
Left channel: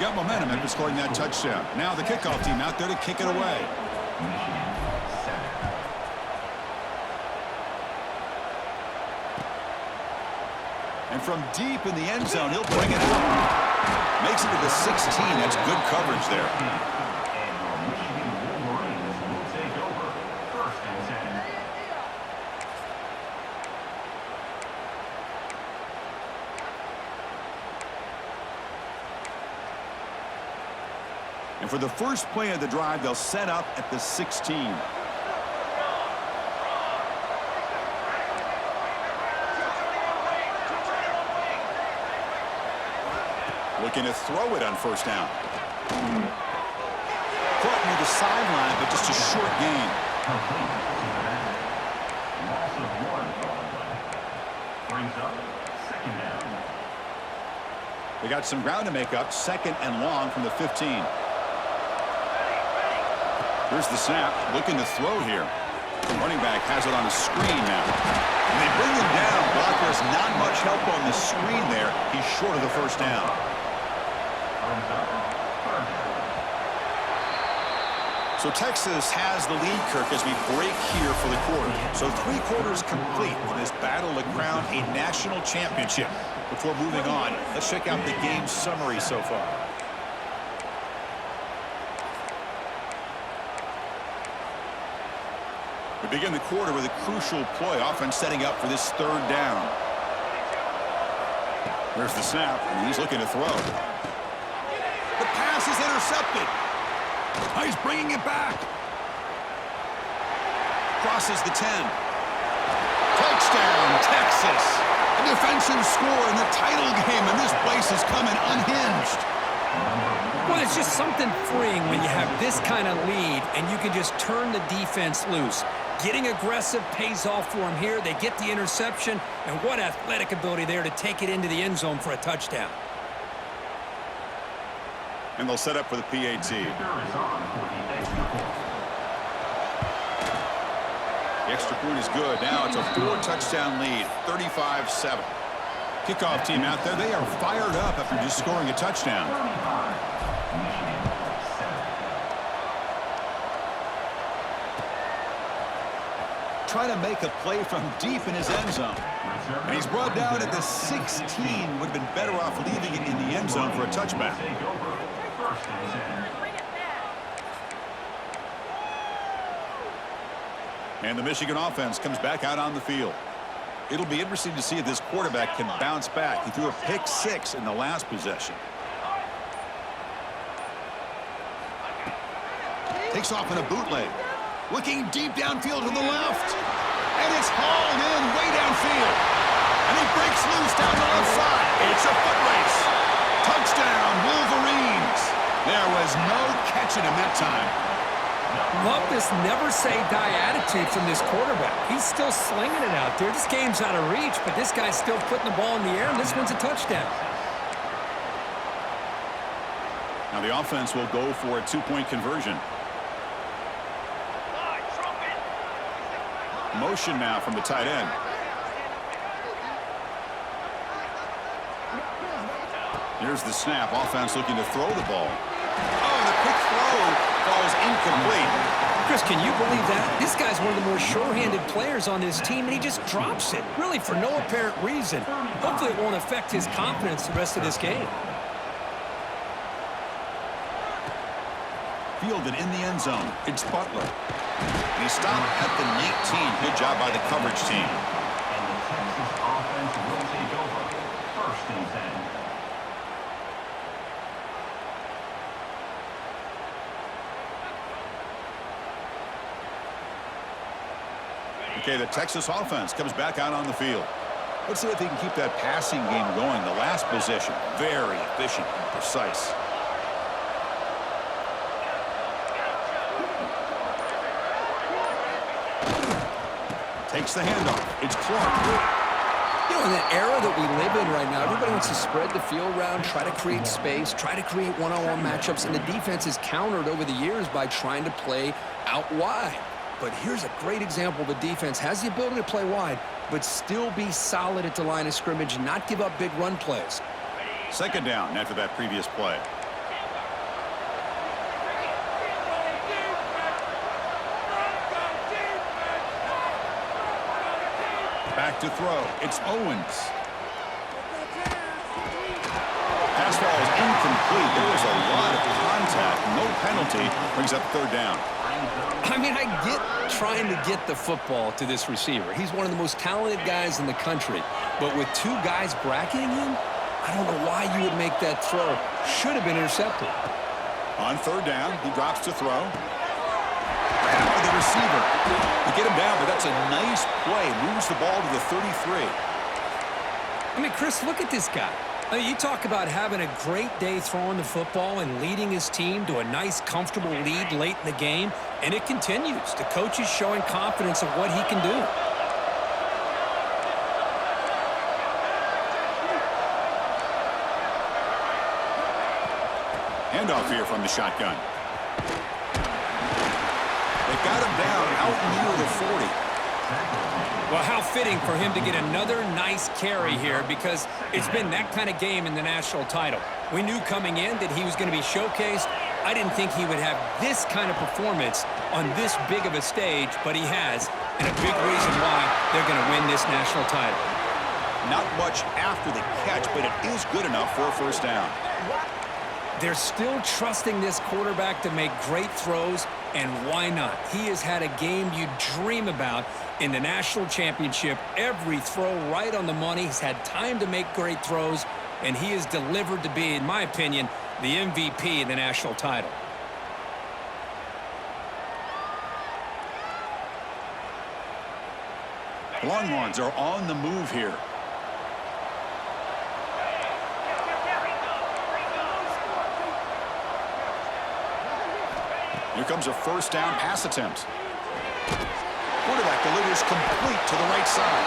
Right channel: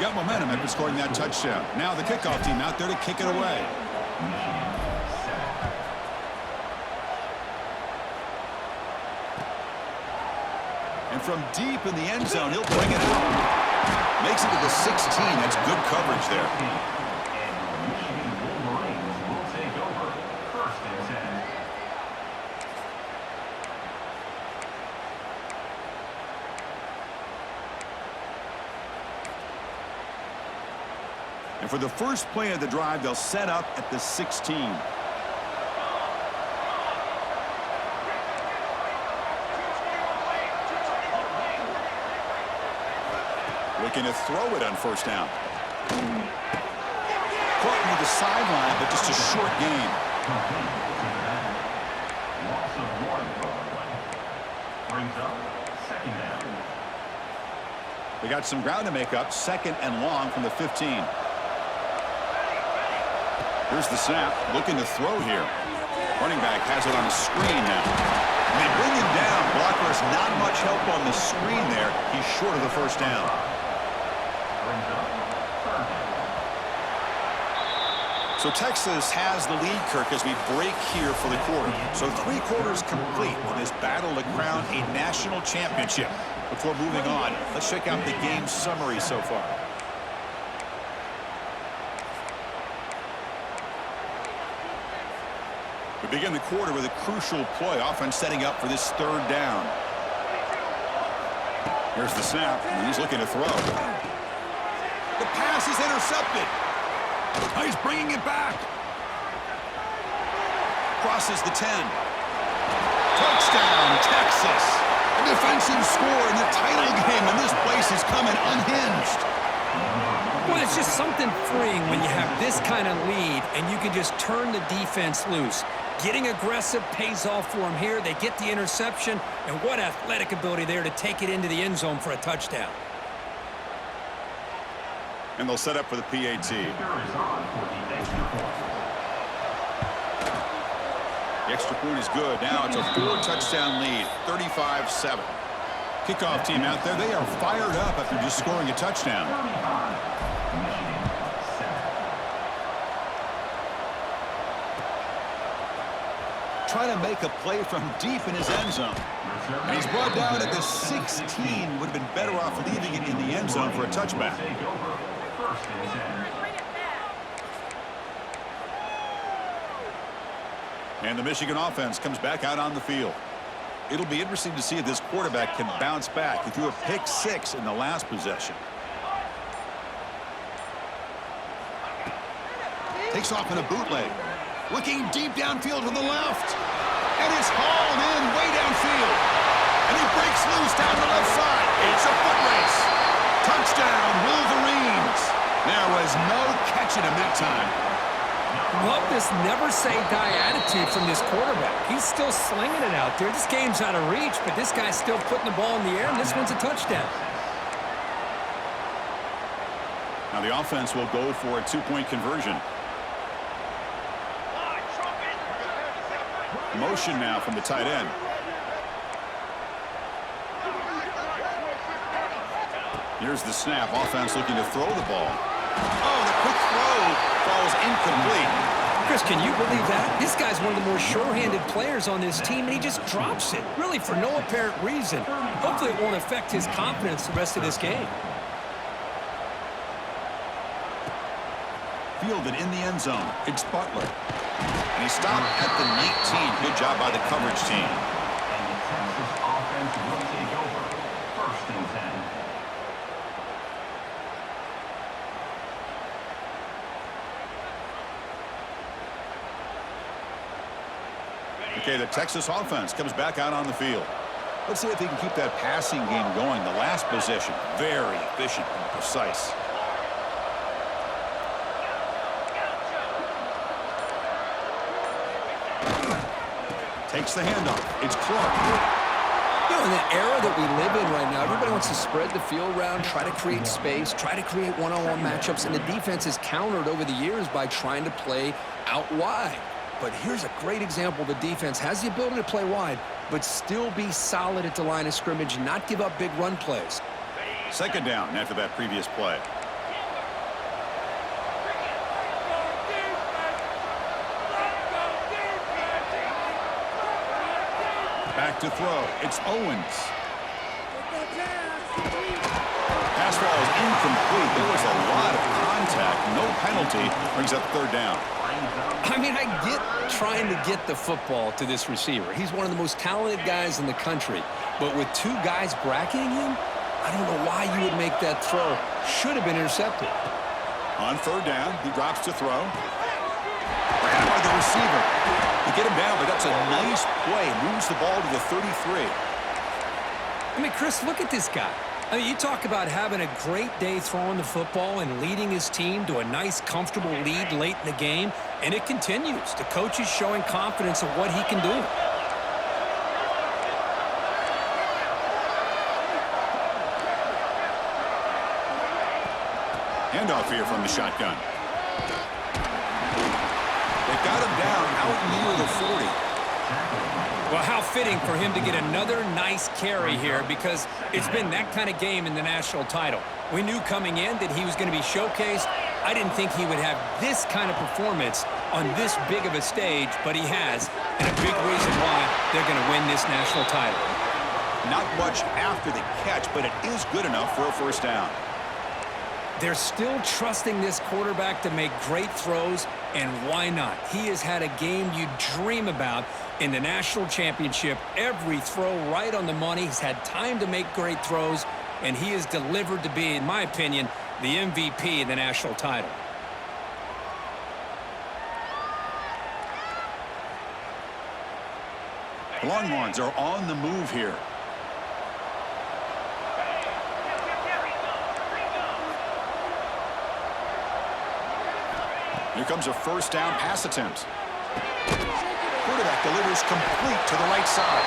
Got momentum after scoring that touchdown. Now the kickoff team out there to kick it away. Michigan, 7. And from deep in the end zone, he'll bring it out. Makes it to the 16. That's good coverage there. And your Michigan Wolverines will take over 1st and 10. And for the first play of the drive, they'll set up at the 16. Looking to throw it on first down. Caught near the sideline, but just a short gain. Complete to the back. Loss of 1 on the play. Brings up 2nd down. They got some ground to make up, 2nd and long from the 15. Here's the snap, looking to throw here. Running back has it on a screen now. And they bring him down. Blocker has not much help on the screen there. He's short of the first down. So Texas has the lead, Kirk, as we break here for the quarter. So 3 quarters complete in this battle to crown a national championship. Before moving on, let's check out the game summary so far. We begin the quarter with a crucial play, offense setting up for this 3rd down. Here's the snap, and he's looking to throw. The pass is intercepted. Oh, he's bringing it back. Crosses the 10. Touchdown, Texas. A defensive score in the title game, and this place is coming unhinged. Well, it's just something freeing when you have this kind of lead and you can just turn the defense loose. Getting aggressive pays off for them here. They get the interception, and what athletic ability there to take it into the end zone for a touchdown. And they'll set up for the PAT. The extra point is good. Now it's a 4-touchdown lead, 35-7. Kickoff team out there, they are fired up after just scoring a touchdown. Trying to make a play from deep in his end zone. And he's brought down at the 16. Would have been better off leaving it in the end zone for a touchback. And the Michigan offense comes back out on the field. It'll be interesting to see if this quarterback can bounce back. He threw a pick-6 in the last possession. Takes off in a bootleg. Looking deep downfield to the left. And it's hauled in way downfield. And he breaks loose down the left side. It's a foot race. Touchdown, Wolverines. There was no catching him that time. Love this never-say-die attitude from this quarterback. He's still slinging it out there. This game's out of reach, but this guy's still putting the ball in the air, and this one's a touchdown. Now the offense will go for a 2-point conversion. Motion now from the tight end. Here's the snap. Offense looking to throw the ball. Oh, the quick throw falls incomplete. Chris, can you believe that? This guy's one of the more sure-handed players on this team, and he just drops it, really for no apparent reason. Hopefully it won't affect his confidence the rest of this game. Fielded in the end zone. It's Butler. And he stopped at the 19. Good job by the coverage team. And the Texas offense will take over. 1st and 10. Okay, the Texas offense comes back out on the field. Let's see if they can keep that passing game going. The last possession, very efficient and precise. Takes the handoff. It's Clark. You know, in the era that we live in right now, everybody wants to spread the field around, try to create space, try to create one-on-one matchups, and the defense is countered over the years by trying to play out wide. But here's a great example. The defense has the ability to play wide, but still be solid at the line of scrimmage and not give up big run plays. 2nd down after that previous play. Back to throw. It's Owens. Pass ball is incomplete. There was a lot of contact. No penalty. Brings up 3rd down. I mean, I get trying to get the football to this receiver. He's one of the most talented guys in the country. But with 2 guys bracketing him, I don't know why you would make that throw. Should have been intercepted. On 3rd down, he drops to throw. Grabbed by the receiver. To get him down, but that's a nice play. Moves the ball to the 33. I mean, Chris, look at this guy. I mean, you talk about having a great day throwing the football and leading his team to a nice, comfortable lead late in the game, and it continues. The coach is showing confidence of what he can do. Handoff here from the shotgun. They got him down out near the 40. Well, how fitting for him to get another nice carry here, because it's been that kind of game in the national title. We knew coming in that he was going to be showcased. I didn't think he would have this kind of performance on this big of a stage, but he has, and a big reason why they're going to win this national title. Not much after the catch, but it is good enough for a first down. They're still trusting this quarterback to make great throws, and why not? He has had a game you dream about in the national championship. Every throw right on the money. He's had time to make great throws, and he has delivered to be, in my opinion, the MVP in the national title. The Longhorns are on the move here. Here comes a first down pass attempt. Quarterback delivers complete to the right side.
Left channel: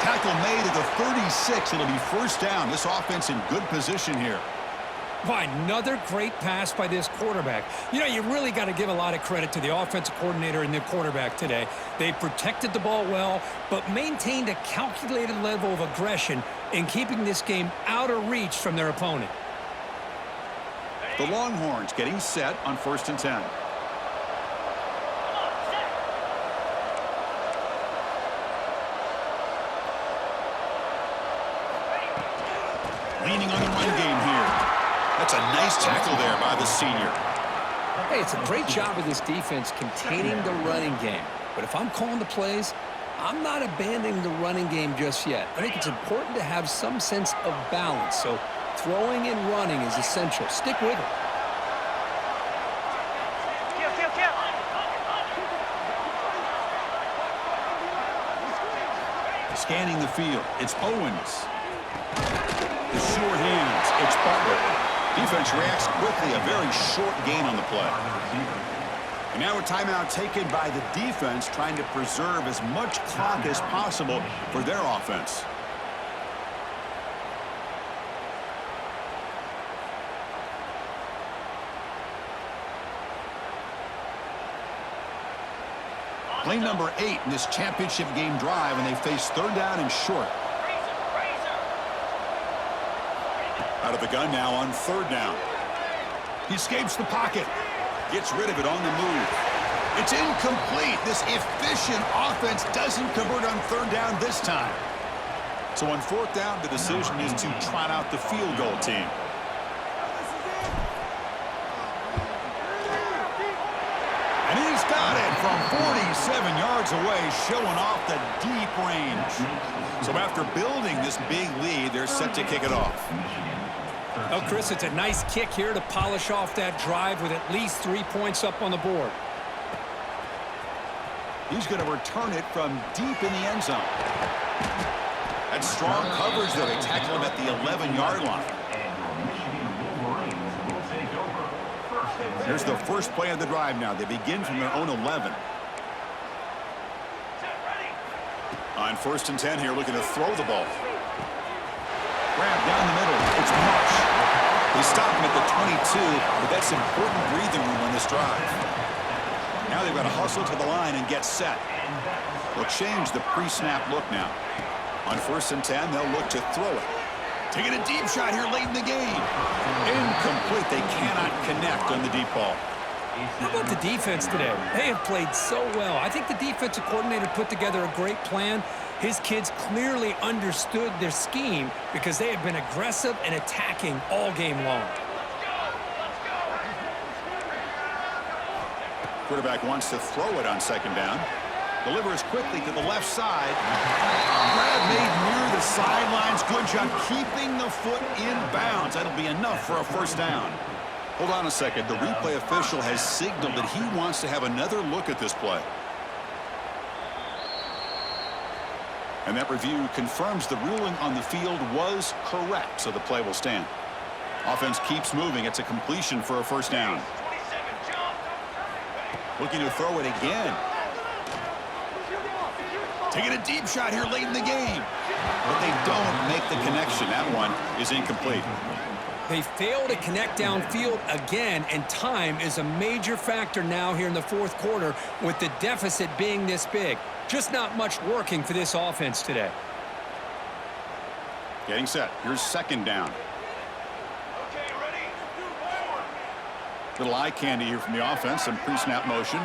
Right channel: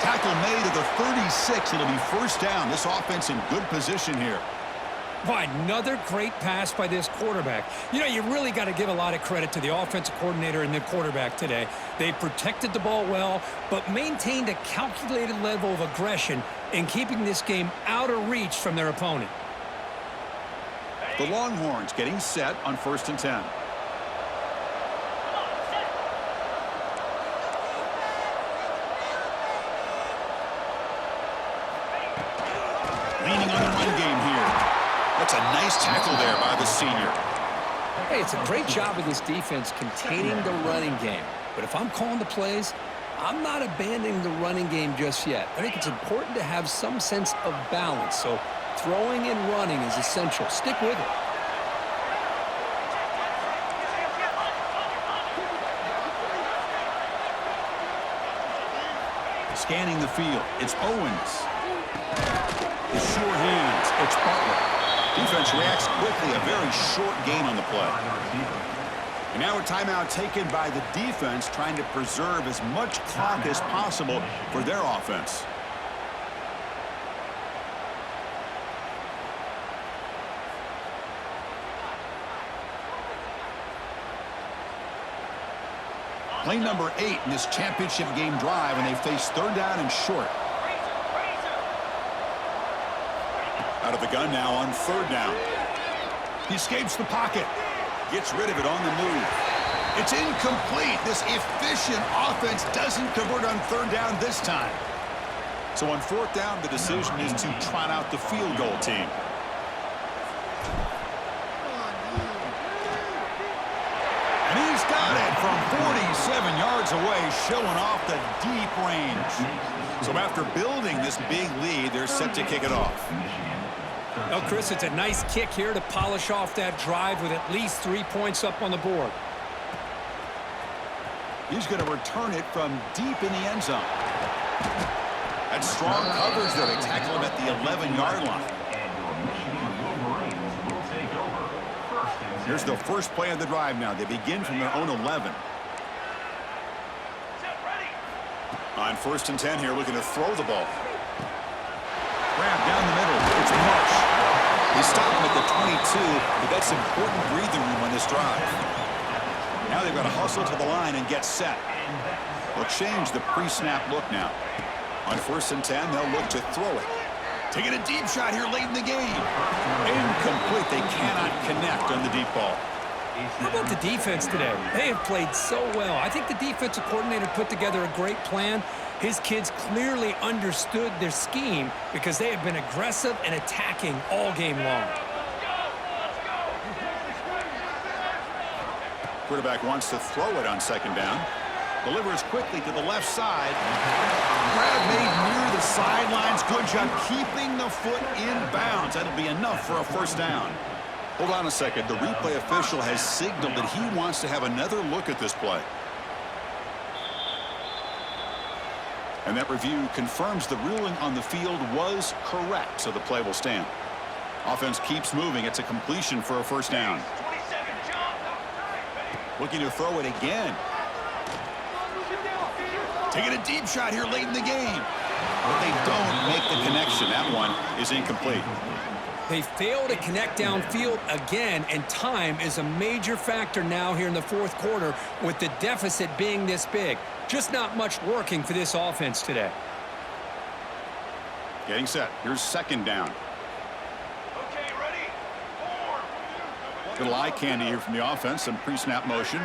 Tackle made at the 36. It'll be first down. This offense in good position here. By another great pass by this quarterback. You know, you really got to give a lot of credit to the offensive coordinator and the quarterback today. They protected the ball well, but maintained a calculated level of aggression in keeping this game out of reach from their opponent. The Longhorns getting set on 1st and 10. Leaning on the run game here. That's a nice tackle there by the senior. Hey, it's a great job of this defense containing the running game. But if I'm calling the plays, I'm not abandoning the running game just yet. I think it's important to have some sense of balance. So throwing and running is essential. Stick with it. Scanning the field, it's Owens. The sure hands, it's Butler. Defense reacts quickly, a very short gain on the play. And now a timeout taken by the defense, trying to preserve as much clock as possible for their offense. Play number 8 in this championship game drive, and they face third down and short. Out of the gun now on third down. He escapes the pocket. Gets rid of it on the move. It's incomplete. This efficient offense doesn't convert on third down this time. So on fourth down, the decision is to trot out the field goal team. And he's got it from 47 yards away, showing off the deep range. So after building this big lead, they're set to kick it off. Well, Chris, it's a nice kick here to polish off that drive with at least 3 points up on the board. He's going to return it from deep in the end zone. That's strong coverage, though. They tackle him at the 11-yard line. Here's the first play of the drive now. They begin from their own 11. On 1st and 10 here, looking to throw the ball. Grab down the middle. It's Marsh. They stop him at the 22, but that's important breathing room on this drive. Now they've got to hustle to the line and get set. They'll change the pre-snap look now. On 1st and 10, they'll look to throw it. Taking a deep shot here late in the game. Incomplete. They cannot connect on the deep ball. How about the defense today? They have played so well. I think the defensive coordinator put together a great plan. His kids clearly understood their scheme because they have been aggressive and attacking all game long. Quarterback wants to throw it on 2nd down. Delivers quickly to the left side. Grab made near the sidelines. Good job keeping the foot in bounds. That'll be enough for a first down. Hold on a second. The replay official has signaled that he wants to have another look at this play. And that review confirms the ruling on the field was correct, so the play will stand. Offense keeps moving. It's a completion for a first down. Looking to throw it again. Taking a deep shot here late in the game. But they don't make the connection. That one is incomplete. They fail to connect downfield again, and time is a major factor now here in the fourth quarter with the deficit being this big. Just not much working for this offense today. Getting set. Here's second down. Okay, ready? Forward. Little eye candy here from the offense. Some pre-snap motion.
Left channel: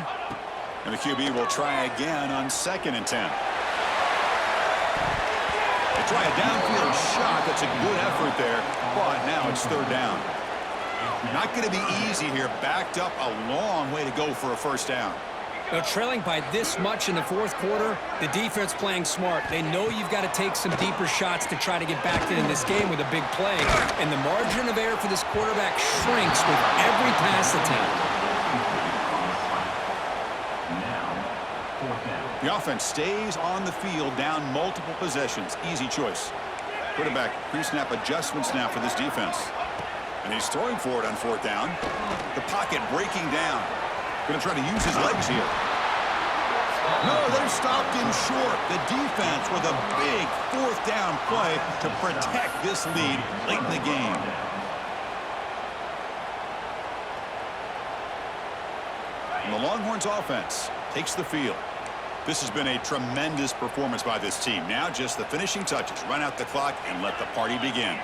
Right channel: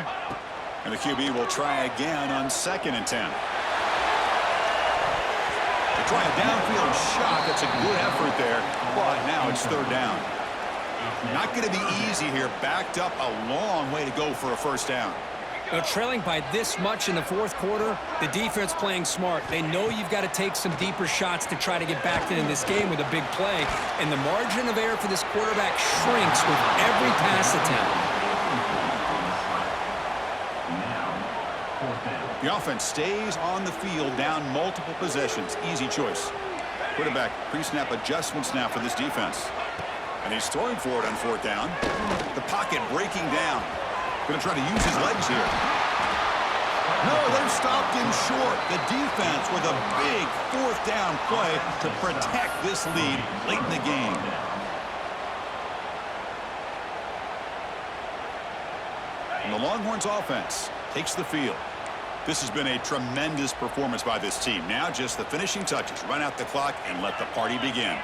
And the QB will try again on 2nd and 10. They try a downfield shot. That's a good effort there. But now it's 3rd down. Not going to be easy here. Backed up a long way to go for a first down. Now, trailing by this much in the fourth quarter, the defense playing smart. They know you've got to take some deeper shots to try to get back in this game with a big play. And the margin of error for this quarterback shrinks with every pass attempt. The offense stays on the field down multiple possessions. Easy choice. Quarterback pre-snap adjustments now for this defense. And he's throwing for it on 4th down. The pocket breaking down. Going to try to use his legs here. No, they've stopped him short. The defense with a big 4th down play to protect this lead late in the game. And the Longhorns offense takes the field. This has been a tremendous performance by this team. Now just the finishing touches. Run out the clock and let the party begin.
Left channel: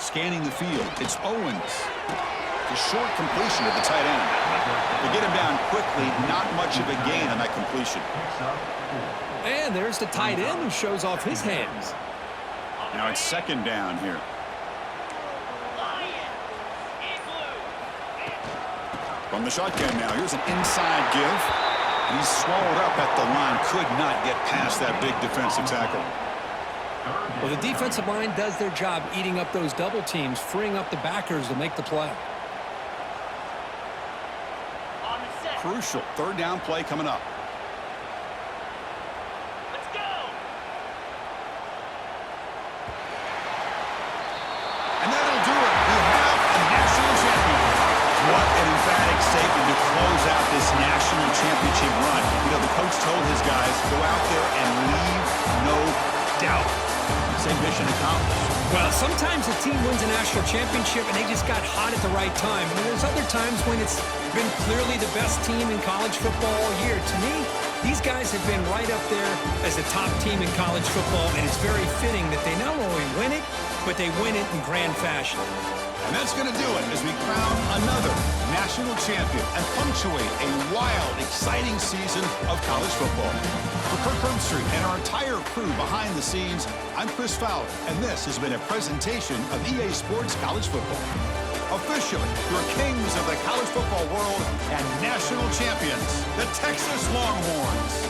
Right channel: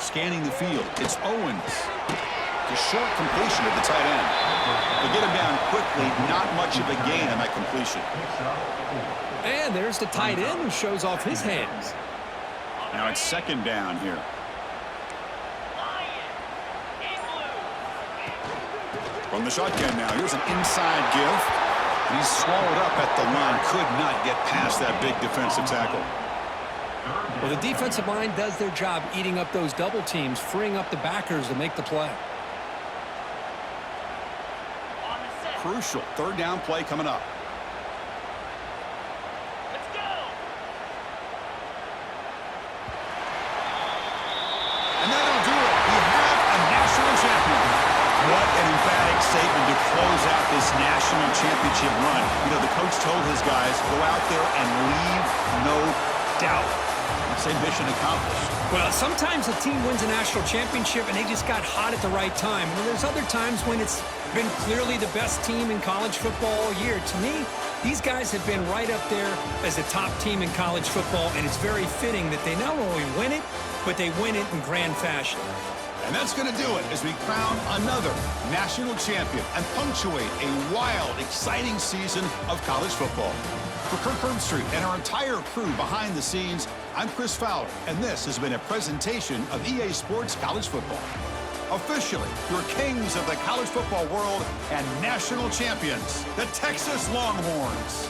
Scanning the field. It's Owens. The short completion to the tight end. They get him down quickly. Not much of a gain on that completion. And there's the tight end who shows off his hands. Now it's 2nd down here. From the shotgun now. Here's an inside give. And he's swallowed up at the line. Could not get past that big defensive tackle. Well, the defensive line does their job eating up those double teams, freeing up the backers to make the play. Crucial 3rd down play coming up. Let's go. And that'll do it. We have a national champion. What an emphatic statement to close out this national championship run. You know, the coach told his guys, go out there and leave no doubt. Say mission accomplished. Well, sometimes a team wins a national championship and they just got hot at the right time. And there's other times when it's been clearly the best team in college football all year. To me, these guys have been right up there as the top team in college football, and it's very fitting that they not only win it, but they win it in grand fashion. And that's going to do it as we crown another national champion and punctuate a wild, exciting season of college football. For Kirk Herbstreit and our entire crew behind the scenes, I'm Chris Fowler, and this has been a presentation of EA Sports College Football. Officially, your kings of the college football world and national champions, the Texas Longhorns.